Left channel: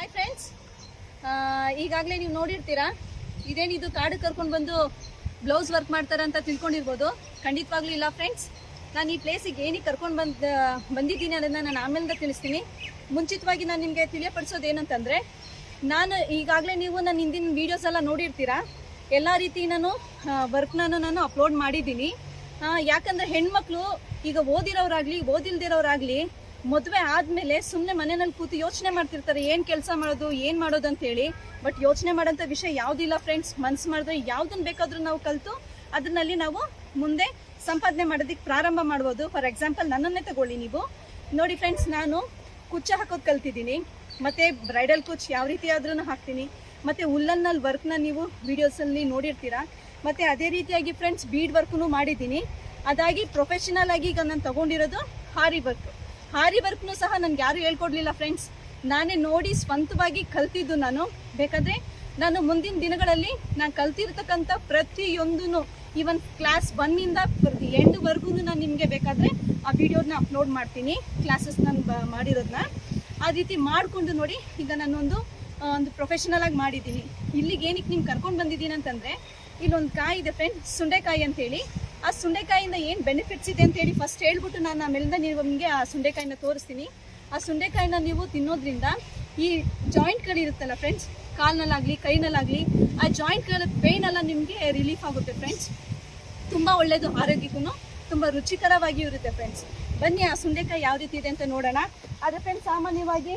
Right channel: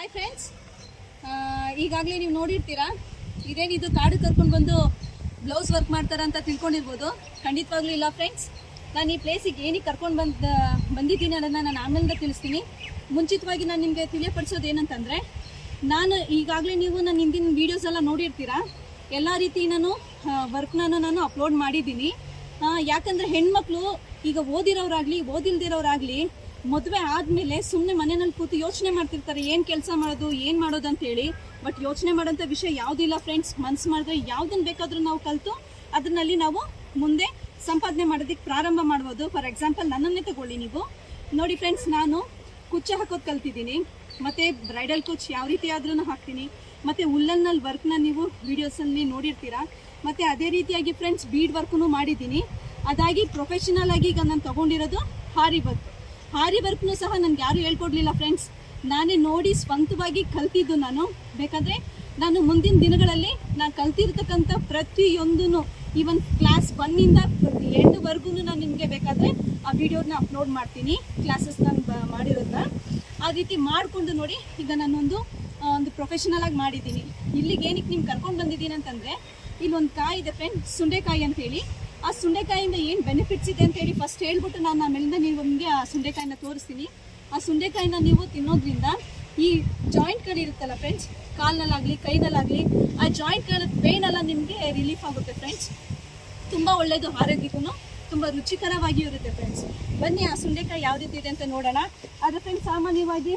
Hi friends, ಈಗಾಗಲೇ ನೀವು ನೋಡಿರ್ತೀರಾ ಇದೇನಿದು ಕಾಡು ಕರ್ಕೊಂಡು ಬಂದು ಬ್ಲೌಸ್ ವರ್ಕ್ ಮಾಡ್ತಾರೆ ಅಂತ ತಿಳ್ಕೊಂಡಿರ್ಬೋದು. ಖಂಡಿತವಾಗ್ಲೂ ಇಲ್ಲ ಫ್ರೆಂಡ್ಸ್. ನಾನು ಈ ಪ್ಲೇಸಿಗೆ ಏನಕ್ಕೆ ಕರ್ಕೊಂಡು ಬಂದಿದ್ದೀನಿ ಅದನ್ನು ನಾನು ಆಮೇಲಿಂದ ತಿಳಿಸ್ತೀನಿ. ಮುಂಚಿತವಾಗಿ ನಾನು ನಿಮಗೆ ತಿಳಿಯಪಡಿಸೋದು ಏನಂತಂದರೆ, ನಾನು ಈಗಾಗಲೇ ನೀವು ನನ್ನ ಹಿಂದಿನ ವೀಡಿಯೋಸ್ ಎಲ್ಲ ನೋಡಿರ್ತೀರಾ. ಎಲ್ಲ ರೀತಿ ನಾನು ವರ್ಕ್ನ ಅಪ್ಲೋಡ್ ಮಾಡಿದ್ದೀನಿ. ಯಾಕಂದರೆ ಹೆಣ್ಮಕ್ಳು ಈಗ ಓದಿರೋರಾಗಲಿ ಓದಿಲ್ದಿರೋರಾಗಲಿ ಮದುವೆ ಆದಮೇಲೆ ಸುಮ್ಮನೆ ಮನೆಯಲ್ಲಿ ಕೂತು ಯೋಚನೆ ಮಾಡ್ತಿರ್ತಾರೆ, ಏನು ಕೆಲಸ ಮಾಡೋದು ಅಂತೇಳಿ. ಬಟ್ ಯೋಚನೆ ಮಾಡೋಂಥ ವಿಷಯ ಯಾವುದಿಲ್ಲ ಫ್ರೆಂಡ್ಸ್. ಮನಸ್ಸು ಮಾಡಿದ್ರೆ ಯಾವುದನ್ನು ಬೇಕಾದರೂ ನಾವು ಕಲಿತು ಅದರಲ್ಲಿ ನಾವು ಮುಂದೆ ಸಂಪಾದನೆ ಮಾಡೋದಕ್ಕೆ ಪ್ರಾರಂಭ ಮಾಡ್ಬೋದು. ಫಾರ್ ಎಕ್ಸಾಂಪಲ್ ನನ್ನನ್ನೇ ತಗೊಳ್ಳಿ ನೀವು. ನೋಡಿ ಫ್ರೆಂಡ್ಸ್, ನಾನು ಕುಚ್ಚ ಹಾಕೋದು ಕಲ್ತಿದ್ದೀನಿ, ಮತ್ತು ಬ್ರೈಡಲ್ ಕುಚ್ ಯಾವ ರೀತಿ ಆದ್ರೂ ಹಾಕ್ತೀನಿ, ಮತ್ತು ಉಲ್ಲನ್ನಲ್ಲಿ ವರ್ಕ್ನ ನೀವು ವೀಡಿಯೋಸಲ್ಲಿ ನೋಡಿರ್ತೀರಾ. ಮತ್ತು ಅದೇ ರೀತಿಯಾಗಿ ಫ್ರೆಂಡ್ಸ್ ಬೀಡ್ ವರ್ಕ್ನು ಮಾಡಿದ್ದೀನಿ. ಅದಾಗಿ ಪ್ರೊಫೆಷನಲ್ ಆಗಿ ಈಗ ನಾನು ತೊಗೊಂಡಿರೋದು ಹಾರಿ ವರ್ಕ್ನು ಸಹ ನನಗೆ ಯಾರೂ ಹೇಳ್ಕೊಡ್ಲಿಲ್ಲ ಫ್ರೆಂಡ್ಸ್. ನಾನೇ ನೋಡಿ ಸ್ವಂತವಾಗಿ ಕಲ್ತಿದ್ದು. ನಾನು ಬೇಕಾದರೆ ನಾನು ಮುಂದಿನ ದಿನಗಳಲ್ಲಿ ನಾನು ಕಲ್ತಿರ್ತಕ್ಕಂಥ ಪ್ರತಿಯೊಂದೂ ಈವನ್ ಕ್ಲಾಸ್ 1ಇಂದ ಎಂಡ್ವರೆಗೂ ನಾನು ನಿಮಗೆ ಬೇಕಾದರೆ ಆ ವಿಡಿಯೋನ ಅಪ್ಲೋಡ್ ಮಾಡ್ತೀನಿ, ಕ್ಲಾಸಸ್ ನಾನು ಮಾಡಿರೋದನ್ನ. ಆ ರೀತಿ ಮಾಡಿಕೊಂಡು ನೋಡಿ ಈಗ ನಾನೊಂದು ಪ್ರೊಫೆಷನಲ್ ಆಗಿ ಮಾಡಿದ್ದೀನಿ. ಇಲ್ಲಿಗೆ ಏನಕ್ಕೆ ನಿಮ್ಗೆ ಕರ್ಕೊಂಡು ಬಂದಿದ್ದೀನಿ ಅಂತಂದರೆ, ಇಲ್ಲೊಂದು ಕಾಯಿ ಇದೆ ಫ್ರೆಂಡ್ಸ್, ಸುಂಡೆಕಾಯಿ ಅಂತೇಳಿ. ಆ ಸುಂಡೆಕಾಯಿಂದ ಏನು ಬೆನಿಫಿಟ್ಸ್ ಇದೆ ಅಂತೇಳಿ ಫಸ್ಟ್ ಹೇಳ್ಬಿಟ್ಟು ನಾನು ಆಮೇಲಿಂದ ನಿಮಗೆ ಆ ಸುಂಡೆಕಾಯಿನ ತೋರಿಸ್ತೀನಿ. ಆ ಸುಂಡೆಕಾಯಿನ ನೀವು ತಿನ್ನೋದ್ರಿಂದ ಈ ಜಾಯಿಂಟ್ಗಳಿರುತ್ತಲ್ಲ ಫ್ರೆಂಡ್ಸ್, ಕಾಲ್ನಲ್ಲಾಗಲಿ ಕೈನಲ್ಲಾಗಲಿ, ಆ ಜಾಯಿಂಟ್ಗಳ ಪೇನ್ ಎಲ್ಲ ನಿಮಗೆ ರಿಲೀಫ್ ಆಗುತ್ತೆ ಫ್ರೆಂಡ್ಸ್. ತುಂಬ ಒಳ್ಳೆಯದು, ಆರೋಗ್ಯಕ್ಕೂ ತುಂಬ ರುಚಿಕರವಾಗಿಯೂ ಇರುತ್ತೆ ಫ್ರೆಂಡ್ಸ್. ಬನ್ನಿ ಆ ಸುಂಡೆಕಾಯಿ ಯಾವ ರೀತಿ ಇದೆ ಅಂತ ನೋಡೋಣ. ಆದರೆ ಫ್ರೆಂಡ್ಸ್, ಸಾಮಾನ್ಯವಾಗಿ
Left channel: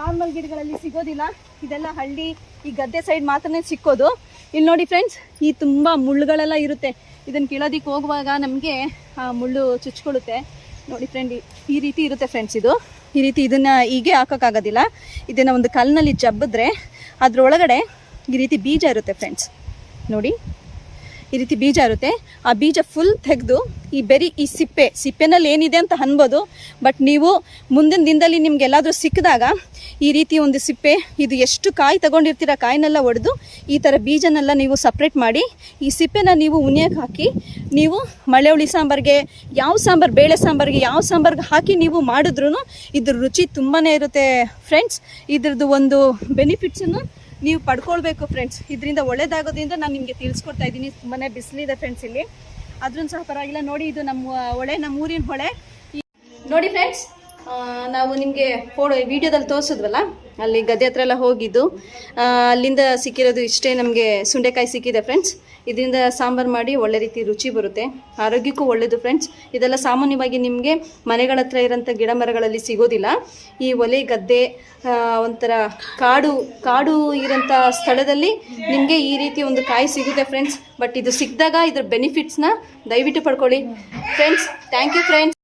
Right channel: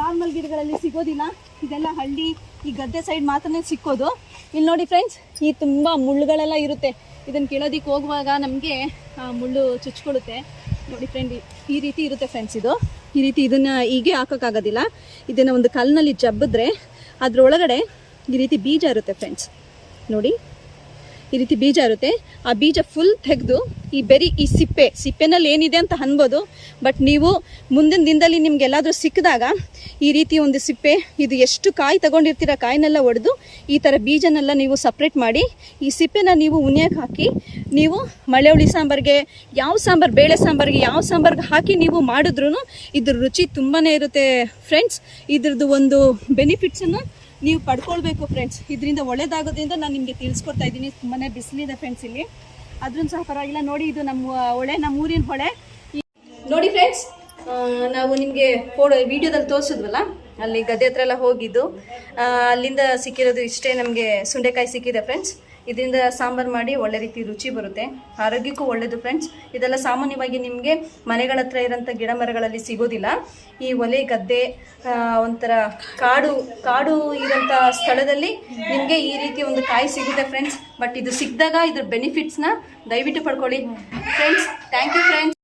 ನಾರ್ಮಲ್ ಗಿಡಗಳಲ್ಲಿ ಸಿಗೋದಿಲ್ಲ, ಇದೆಲ್ಲ ಹಳ್ಳಿ ಈ ಗದ್ದೆ ಸೈಡ್ ಮಾತ್ರನೇ ಸಿಕ್ಕೋದು. ಇಲ್ಲಿ ನೋಡಿ ಫ್ರೆಂಡ್ಸ್, ಈ ತುಂಬ ಮುಳ್ಳುಗಳೆಲ್ಲ ಇರುತ್ತೆ. ಇದನ್ನು ಕೀಳೋದಕ್ಕೆ ಹೋಗುವಾಗ ನಮಗೆ ಮುಳ್ಳು ಚುಚ್ಕೊಳ್ಳುತ್ತೆ. ನೋಡಿ ಫ್ರೆಂಡ್, ಈ ರೀತಿ ಇರುತ್ತೆ ಫ್ರೆಂಡ್ಸ್. ಈ ರೀತಿ ಇದನ್ನು ಹೀಗೆ ಹಾಕೋಕ್ಕಾಗೋದಿಲ್ಲ. ಇದನ್ನು ಒಂದು ಕಲ್ಲಿನಲ್ಲಿ ಜಬ್ಬಿದ್ರೆ ಅದರೊಳಗಡೆ ಈ ರೀತಿ ಬೀಜ ಇರುತ್ತೆ ಫ್ರೆಂಡ್ಸ್. ನೋಡಿ, ಈ ರೀತಿ ಬೀಜ ಇರುತ್ತೆ. ಆ ಬೀಜ ಫುಲ್ ತೆಗೆದು ಈ ಸಿಪ್ಪೆನಲ್ಲಿ ಏನಿದೆ ಅಂತ ಅನ್ಬೋದು. ಬಟ್ ನೀವು ಮುಂದಿನ ದಿನದಲ್ಲಿ ನಿಮ್ಗೆಲ್ಲಾದರೂ ಸಿಕ್ಕಿದಾಗ ಈ ರೀತಿ ಒಂದು ಸಿಪ್ಪೆ, ಇದು ಎಷ್ಟು ಕಾಯಿ ತಗೊಂಡಿರ್ತೀರ ಕಾಯಿನೆಲ್ಲ ಒಡೆದು ಈ ಥರ ಬೀಜನೆಲ್ಲ ನೀವು ಸಪ್ರೇಟ್ ಮಾಡಿ ಈ ಸಿಪ್ಪೆನ ನೀವು ಉಣಿಯಕ್ಕೆ ಹಾಕಿ ನೀವು ಮಳೆ ಹುಳಿ ಸಾಂಬಾರಿಗೆ, ಯಾವ ಸಾಂಬಾರು, ಬೇಳೆ ಸಾಂಬಾರಿಗೆ, ಯಾವ ಸಾಂಬಾರಿಗೆ ಹಾಕಿ ನೀವು ಮಾಡಿದ್ರೂ ಇದ್ರ ರುಚಿ ತುಂಬಾ ಇರುತ್ತೆ ಫ್ರೆಂಡ್ಸ್. ಇದ್ರದ್ದು ಒಂದು ಬೆನಿಫಿಟ್ಸನ್ನು ನೀವು ಪಡ್ಕೊಳ್ಬೇಕು ಫ್ರೆಂಡ್ಸ್. ಇದರಿಂದ ಒಳ್ಳೇದಾಗೋದ್ರಿಂದ ನಾನು ನಿಮಗೆ ತಿಳಿಸ್ಕೊಡ್ತಾ ಇದ್ದೀನಿ. ತುಂಬಾ ಬಿಸಿಲಿದೆ ಫ್ರೆಂಡ್ಸ್ ಇಲ್ಲಿ, ಆದ್ರೂ ಸಹ ಪರವಾಗಿಲ್ಲ. ನೋಡಿ, ಇದು ನಮ್ಮ ಹೊಳೆ, ನಮ್ಮ ಊರಿನ ಹೊಳೆ. ನೋಡಿ ಫ್ರೆಂಡ್ಸ್, ನಾವು ನಿಮಗೆ ವಿಡಿಯೋದಲ್ಲಿ ತೋರಿಸಿದ್ವಲ್ಲ, ಅಲ್ಲಿ ಗದ್ದೆ ಹತ್ರ ಎಲ್ಲ ಹೋಗಿದ್ದು, ಅಲ್ಲಿಂದ ಸಿಕ್ಕಿರೋದು ಇಷ್ಟೇ. ನಮಗೆ ಸುಂಡೆಕಾಯಿ ಸಿಕ್ಕಿದೆ ಫ್ರೆಂಡ್ಸ್. ಇದರಿಂದ ಸಾಂಬಾರು ಮಾಡಿ ಒಳ್ಳೆ ರೀತಿ ರುಚಿ ಬರುತ್ತೆ, ಆರೋಗ್ಯಕ್ಕೂ ಒಳ್ಳೆಯದು ಫ್ರೆಂಡ್ಸ್. ಇದೆಲ್ಲ ಸಾಮಾನ್ಯವಾಗಿ ನಿಮಗೆ ಮನೆಗಳ ಹತ್ರ ಇರೋಂಥ ಗಿಡ ಮರಗಳಲ್ಲಿ ಸಿಗೋದಿಲ್ಲ. ಈ ಒಲೆ, ಗದ್ದೆ, ಒಂಥರ ಕಾಡು ಇರೋಂಥ ಸ್ಥಳದಲ್ಲಿ ನಿಮಗೆ ಈ ರೀತಿ ಒಂದು ಕಾಯಿ ಸಿಗುತ್ತೆ ಫ್ರೆಂಡ್ಸ್. ಬಟ್ ಇದು ಸಿಕ್ಕಿದಾಗ ಇದ್ರ ಬೆನಿಫಿಟ್ಸ್ನ ದಯವಿಟ್ಟು ಪಡ್ಕೊಳ್ಳಿ ಫ್ರೆಂಡ್ಸ್. Thank you friends.